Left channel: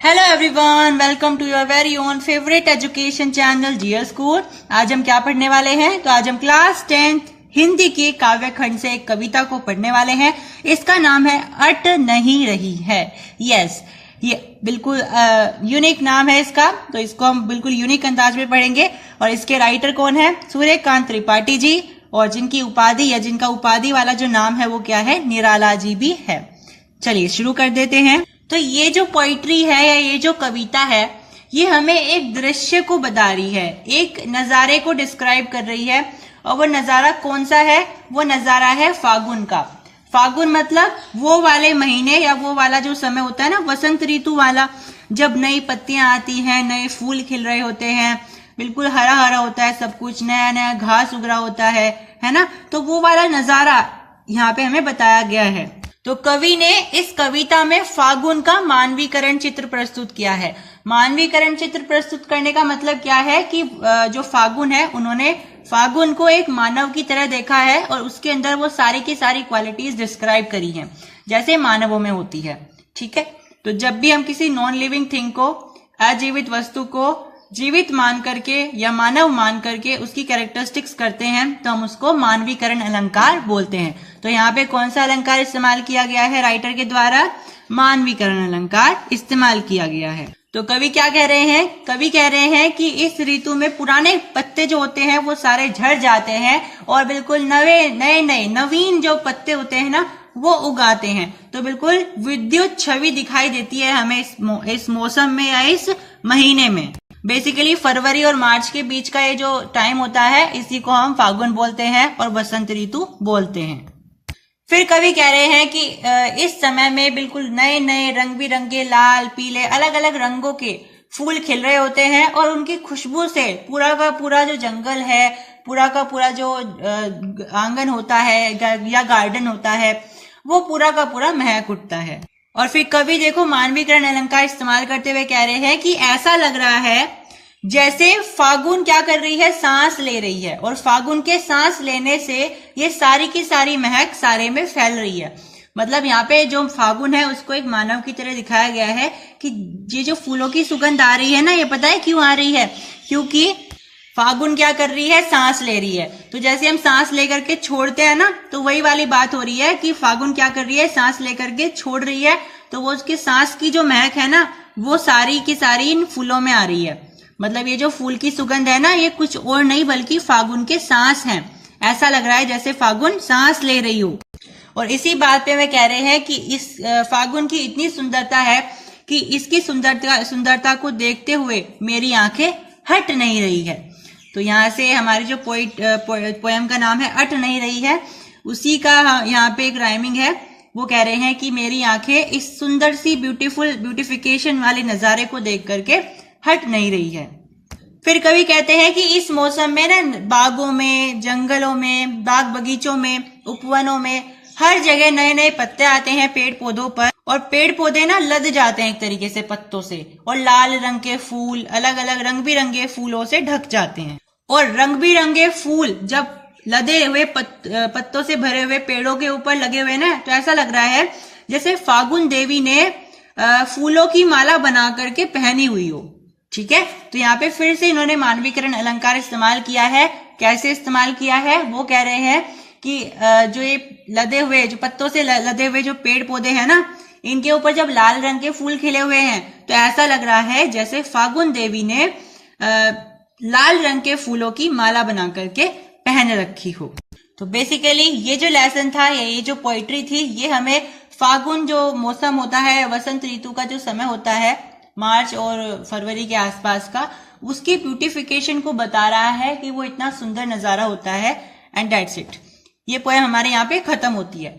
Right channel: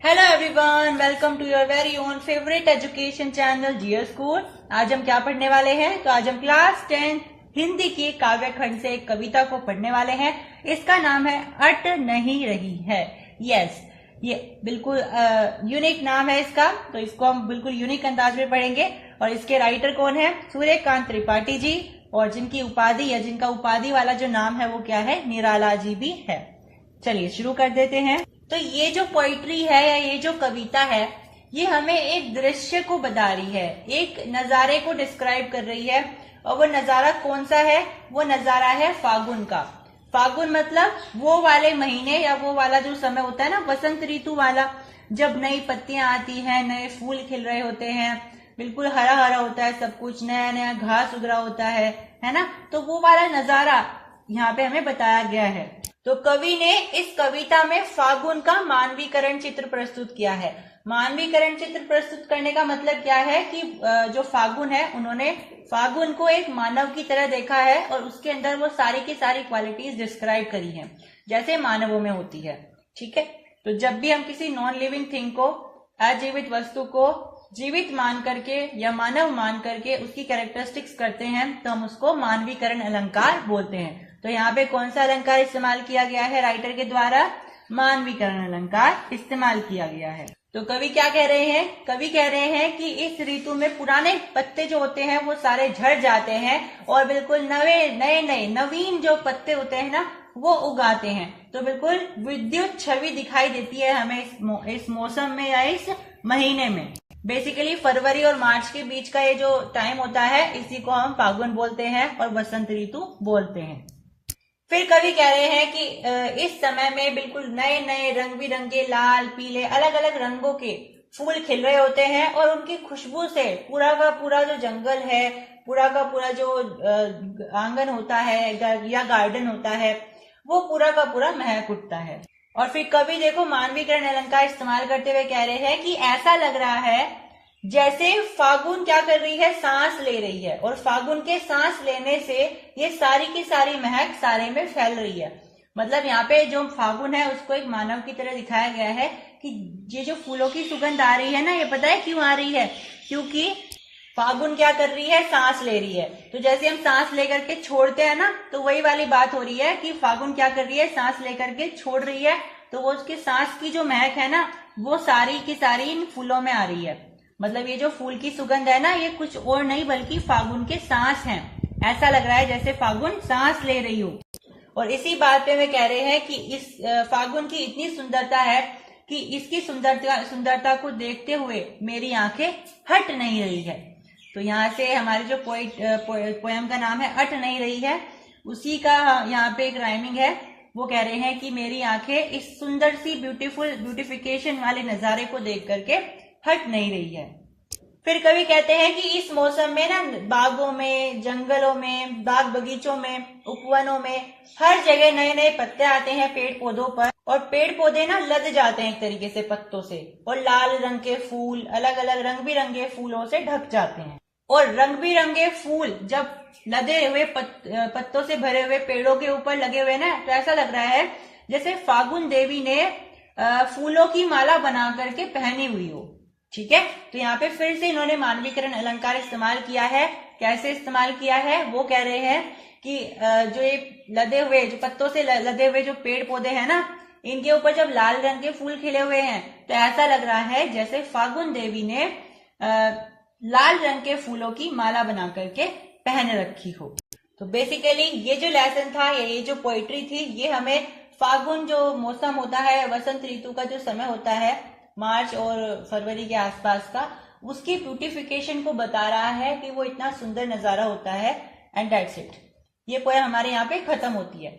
Hello everyone, welcome to your very own favourite education channel Jio school. आज हम क्या पढ़ने वाले हैं? तो आज हम क्लास 10th हिंदी की काव्य खंड से एक कविता को पढ़ने वाले हैं। इसका नाम है अट नहीं रही है। यस, ये बिल्कुल यूनिक नाम है इसका, तो इसको हम बिल्कुल यूनिक अंदाज में पढ़ेंगे। और इसके राइटर कौन है? सूर्यकांत त्रिपाठी जी। और जिनकी उपाधि या जिनका उपाधि वाला जो नाम है वो क्या है? निराला जी भी है। चलिए शुरू कर देते हैं। तो ये जो पोइट्री है या ये जो कविता है, ये हमें एक दृश्य को बता रही है, एक नजारे को डिस्क्राइब कर रही है। और वो नजारा कौन सा है? वो नजारा है फागुन का। फागुन मतलब वो वाले महीने या वो वाला जो समय होता है ना, वसंत ऋतु वाला, जब नई पत्तियां आती हैं, नए फूल खिल रहे होते हैं, बिल्कुल हरा हरा होता है सब कुछ, नया नया घास उग रहा होता है ना। तो वो वाला नजारा यहाँ पे हमें बताया गया है। तो कवि ने इस कविता में फागुन का मानवीकरण चित्र प्रस्तुत किया है। मानवीकरण चित्र प्रस्तुत करने का मतलब क्या है कि जो फागुन है, उन्होंने फागुन को एक मानव की तरह देखा है और उसके अंदर वो सारी की सारी क्वालिटीज डिस्क्राइब करी हैं, जैसे मानवों में होती है। ठीक है, तो जब भी हम किसी नॉन लिविंग थिंग को, अजीवित वस्तु को जीवित मान करके या मानव मान करके उसकी कैरेक्टरिस्टिक्स करते हैं, तो हम उसको मानवीकरण अलंकार बोलते हैं। तो यहाँ पे कौन सा अलंकार इस्तेमाल किया गया है राइटर के द्वारा? मानवीकरण अलंकार इस्तेमाल किया गया है। तो कवि क्या कह रहे हैं? कवि कह रहे हैं कि इस ऋतु में पुराने पत्ते जो होते हैं वो सारे झड़ जाते हैं और बिल्कुल नए नवीन जो पत्ते होते हैं ना, वो उगाते हैं। तो बिल्कुल विद्युत छवि दिखाई देती है हमें इस मौसम में या इस महीने में। बेसिकली फरवरी और मार्च के बीच का ये जो टाइम होता है, इसी को हम फागुन बोलते हैं और बसंत ऋतु बोलते हैं। फिर कवि कह रहे हैं कि इस समय में बिल्कुल नए नए रंग बिरंगे लाल पीले अलग अलग रंगों के फूल खिल रहे होते हैं और उनकी खुशबू से पूरा का पूरा जो जंगल है, पूरा का पूरा जो आंगन होता है या गार्डन होता है, वो पूरा का पूरा महक उठता है। और फिर कवि देखो मानवीकरण अलंकार इस्तेमाल करते हुए कह रहे हैं कि ऐसा लग रहा है जैसे फागुन क्या कर रही है? सांस ले रही है, और फागुन के सांस लेने से ये सारी की सारी महक सारे में फैल रही है। मतलब यहाँ पे जो फागुन है उसको एक मानव की तरह दिखाया गया है कि ये जो फूलों की सुगंध आ रही है ना, ये पता है क्यों आ रही है? क्योंकि फागुन क्या कर रही है? सांस ले रही है। तो जैसे हम सांस लेकर के छोड़ते हैं ना, तो वही वाली बात हो रही है कि फागुन क्या कर रही है? सांस लेकर के छोड़ रही है। तो वो उसकी सांस की जो महक है ना, वो सारी की सारी इन फूलों में आ रही है। मतलब ये जो फूल की सुगंध है ना, ये कुछ और नहीं बल्कि फागुन के सांस हैं। ऐसा लग रहा है जैसे फागुन सांस ले रही हो। और इसी बात पे वे कह रहे हैं कि इस फागुन की इतनी सुंदरता है कि इसकी सुंदरता को देखते हुए मेरी आंखें हट नहीं रही है। तो यहाँ से हमारी जो पोएम का नाम है अट नहीं रही है, उसी का यहाँ पे एक राइमिंग है। वो कह रहे हैं कि मेरी आंखें इस सुंदर सी ब्यूटिफिकेशन वाले नजारे को देख करके हट नहीं रही है। फिर कवि कहते हैं कि इस मौसम में ना, बागों में, जंगलों में, बाग बगीचों में, उपवनों में हर जगह नए नए पत्ते आते हैं पेड़ पौधों पर, और पेड़ पौधे ना लद जाते हैं एक तरीके से पत्तों से, और लाल रंग के फूल अलग अलग रंग बिरंगे फूलों से ढक जाते हैं। और रंग बिरंगे फूल जब लदे हुए पत्तों से भरे हुए पेड़ों के ऊपर लगे हुए ना, तो ऐसा लग रहा है जैसे फागुन देवी ने फूलों की माला बना करके पहनी हुई हो। ठीक है, तो यहाँ पे फिर से इन्होंने मानवीकरण अलंकार इस्तेमाल किया है। कैसे इस्तेमाल किया है? वो कह रहे हैं कि जो ये लदे हुए, जो पत्तों से लदे हुए जो पेड़ पौधे हैं ना, इनके ऊपर जब लाल रंग के फूल खिले हुए हैं, तो ऐसा लग रहा है जैसे फागुन देवी ने लाल रंग के फूलों की माला बना करके पहन रखी हो। तो बेसिकली ये जो लेसन था या ये जो पोइट्री थी, ये हमें फागुन जो मौसम होता है, वसंत ऋतु का जो समय होता है, मार्च और फरवरी के आसपास का, उसकी ब्यूटिफिकेशन को बता रहा है कि वो इतना सुंदर नजारा होता है। And that's it. ये पोएम हमारे यहाँ पे खत्म होती है।